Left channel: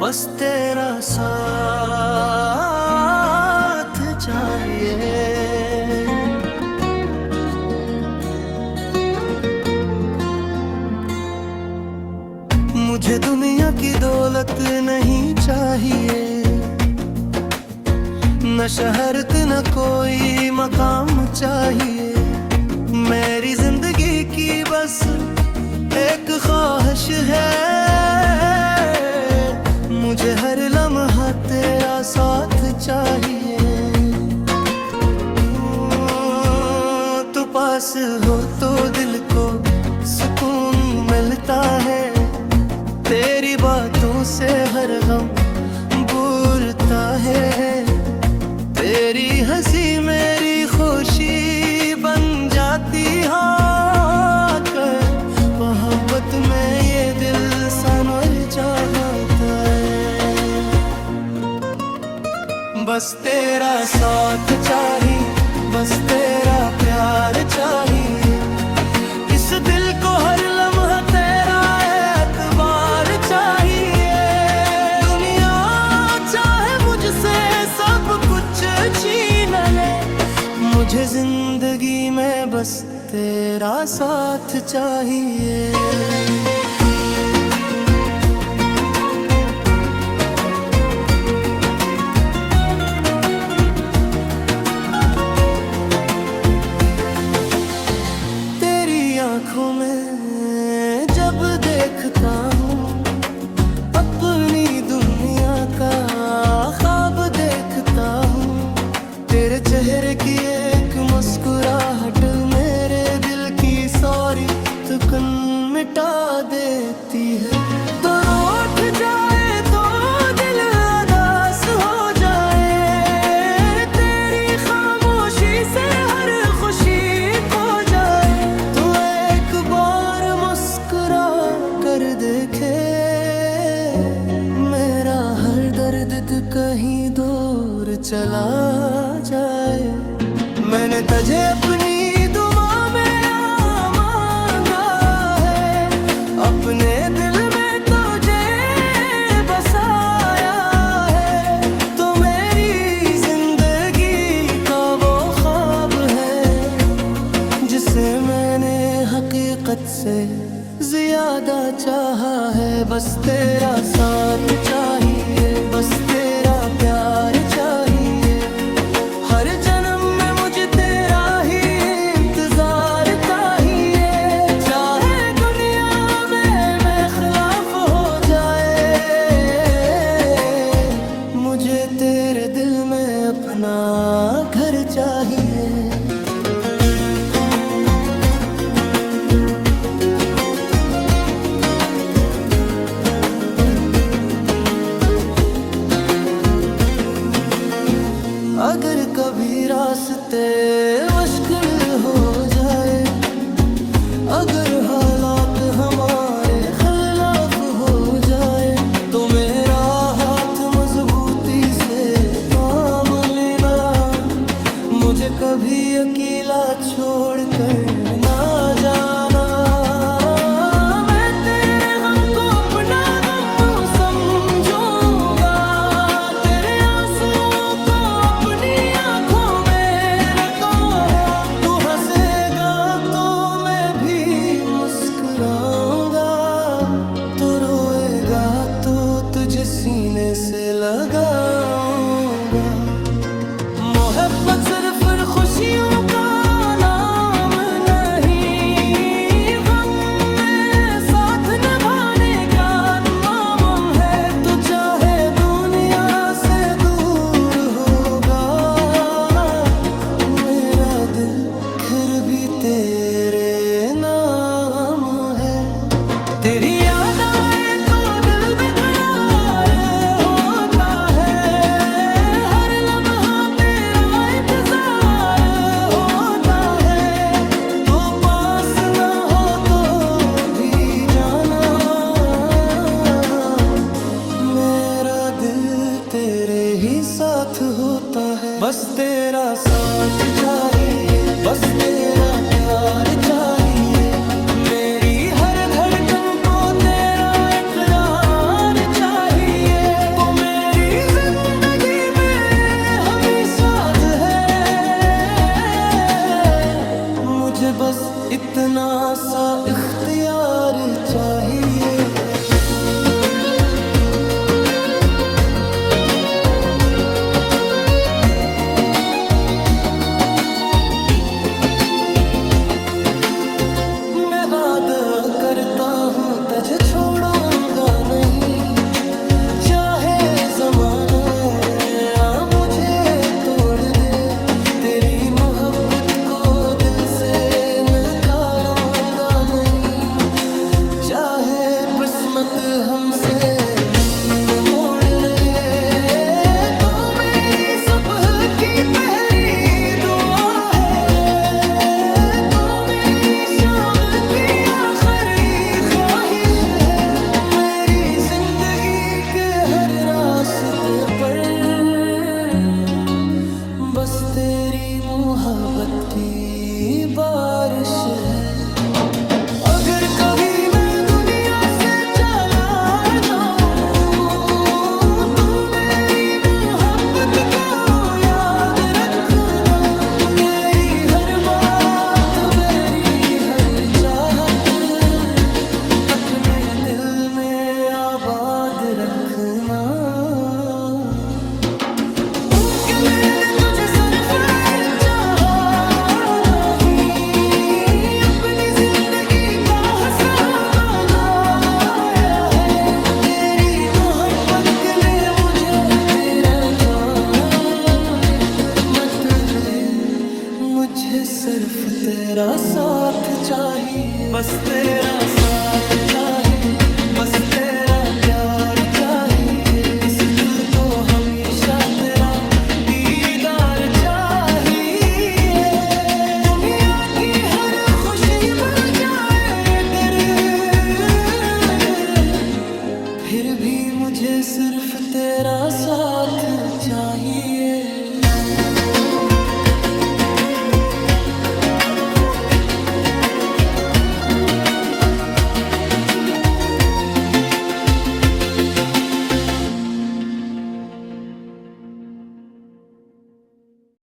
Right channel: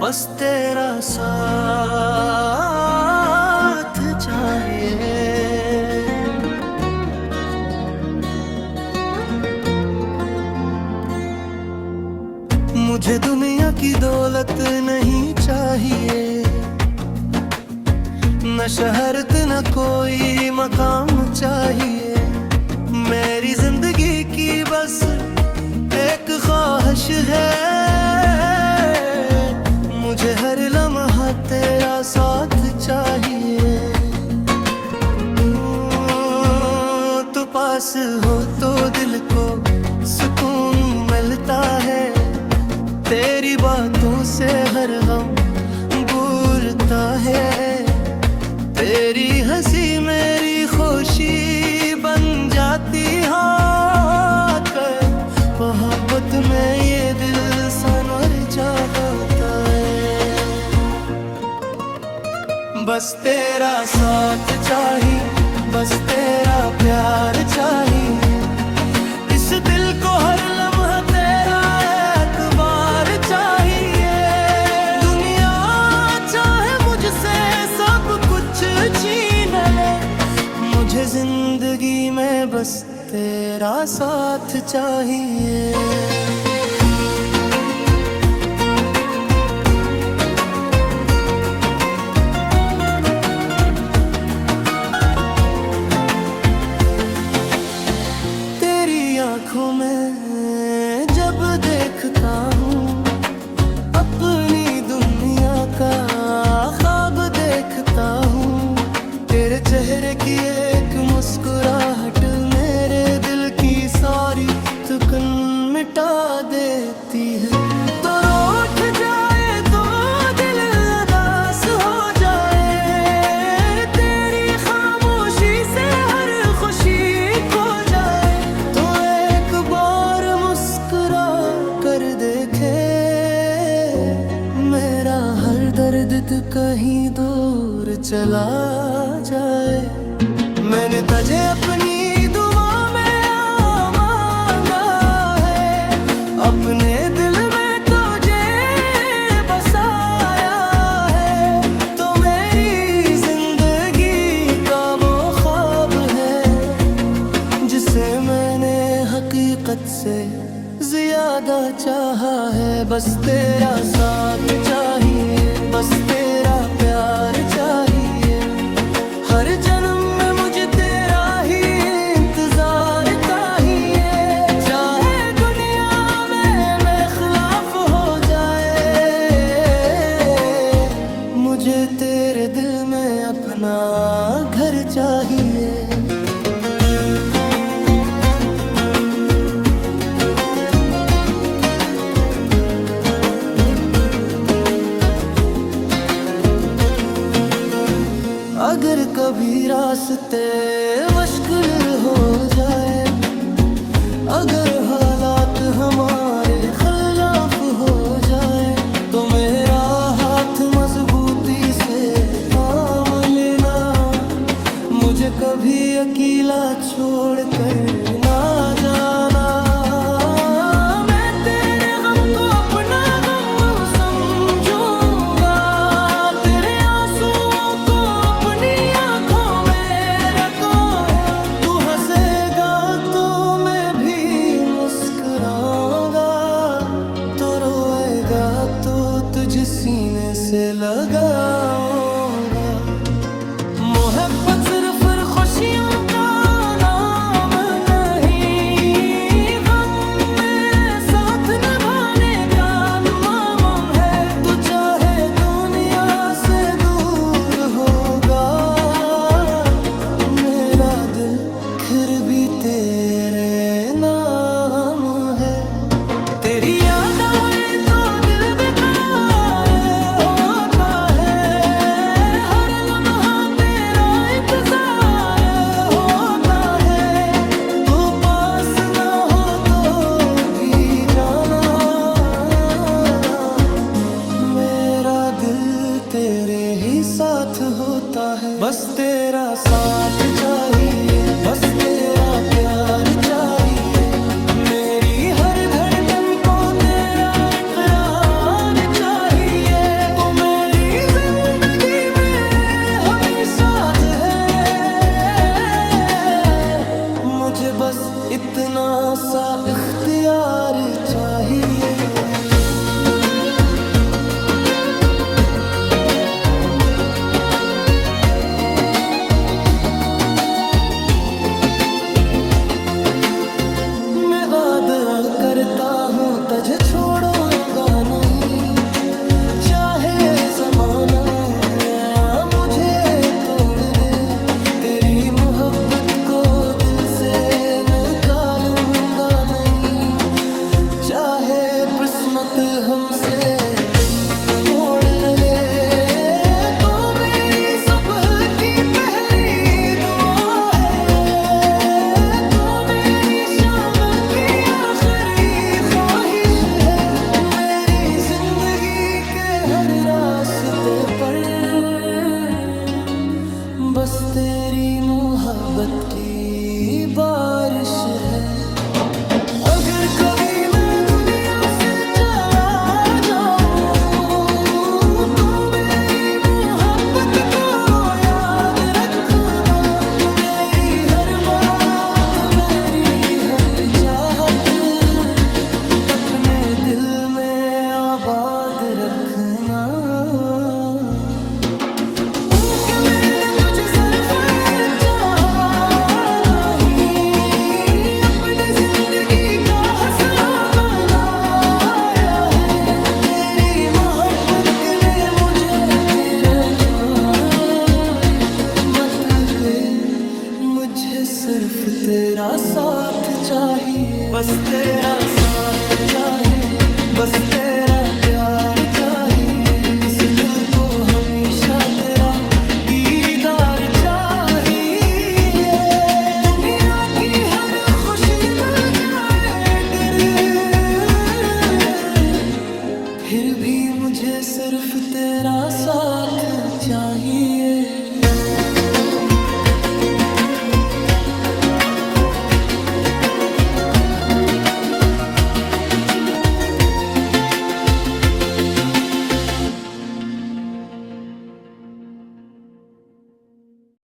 बस तेरा साथ चाहिए। मुझे दुनिया की दौलत नहीं चाहिए, न शहरत न कोई मकाम चाहिए। मेरी जिंदगी की बस एक ख्वाहिश है, मुझे हर लम्हा तेरा साथ चाहिए। तू पास हो तो दिल को सुकून मिलता है, तेरी बातों से हर गम भूलता है। तेरी हंसी मेरी खुशी बन जाती है, मोहब्बत में ये दिल सनवर जाता है। बस तेरा साथ चाहिए, बस तेरा प्यार चाहिए। इस दिल को हर लम्हा तेरा एतबार चाहिए। दुनिया चाहे मुझसे सब कुछ छीन ले, मुझे जिंदगी में बस तेरा साथ चाहिए। तेरी आंखों में जब देखता हूँ, अपनी दुनिया का ख्वाब देखता हूँ। तेरे चेहरे की एक मुस्कुराहट मेरे दिल की सारी थकन मिटा देती है। तो उठ जाए तो दिल उदास हो जाए, तेरी खामोशी से हर खुशी खो जाए। तो एक बार मुस्कुरा कर देखे, मेरा हर दर्द कहीं दूर चला जाए। मैंने तुझे अपनी दुआ में मांगा है, अपने दिल में तुझे बसाया है। तो मेरी जिंदगी का वो ख्वाब है, जिसे मैंने हकीकत से ज्यादा चाहा है। बस तेरा साथ चाहिए, बस तेरा प्यार चाहिए। हर जन्म में मुझे तेरा ही इंतजार चाहिए। चाहे दुनिया में मैं खिलाफ हो जाए, मुझे तेरे दिल में अपना घर चाहिए। अगर कभी रास्ते मुश्किल हो जाए, अगर हालात हमारे खिलाफ हो जाए, तो मेरा हाथ मजबूती से थाम लेना। मुझे कभी अकेला छोड़ कर ना जाना। तो रोएगा तो तुझे सीने से लगाऊंगा। मोहब्बत सिर्फ खुशियों का नाम नहीं, गम में साथ निभाने का नाम है। तो चाहे दुनिया से दूर होगा मेरा दिल, फिर भी तेरे नाम है। तेरी याद आए तो दिल बेकरार होता है, हर लम्हा तेरा इंतजार होता है। तो पास ना हो तो भी जाना, मेरा दिल तेरे ही साथ होता है। बस तेरा साथ चाहिए, बस तेरा प्यार चाहिए। मेरी हर धड़कन को तेरा इकरार चाहिए। मुझे बस इतना सा इख्तियार चाहिए। मैं वादा करता हूँ तुझे छोड़ूंगा नहीं, चाहे जमाना या मुझे तोड़ दे, तेरी मोहब्बत को दिल से निकालूंगा नहीं। चाहे किस्मत हमसे मिन्न मोड़ न ले, तो मेरी सुबह की पहली दुआ है, तो मेरी शाम की आखिरी ख्वाहिश है। मेरी जिंदगी के हर रास्ते पर बस तेरी मोहब्बत की बारिश है। अगर कभी मैं दुनिया से चला जाऊं, तो मेरी मोहब्बत को याद रखना। मेरी हर बात, मेरी हर चाहत अपने दिल में आबाद रखना। मुझे सिर्फ तेरा साथ चाहिए, बस तेरा साथ चाहिए, बस तेरा प्यार चाहिए। इस दिल को हमेशा तेरा दीदार चाहिए। दुनिया की हर खुशी मिल जाए अगर, फिर भी मुझे सिर्फ तेरा साथ चाहिए।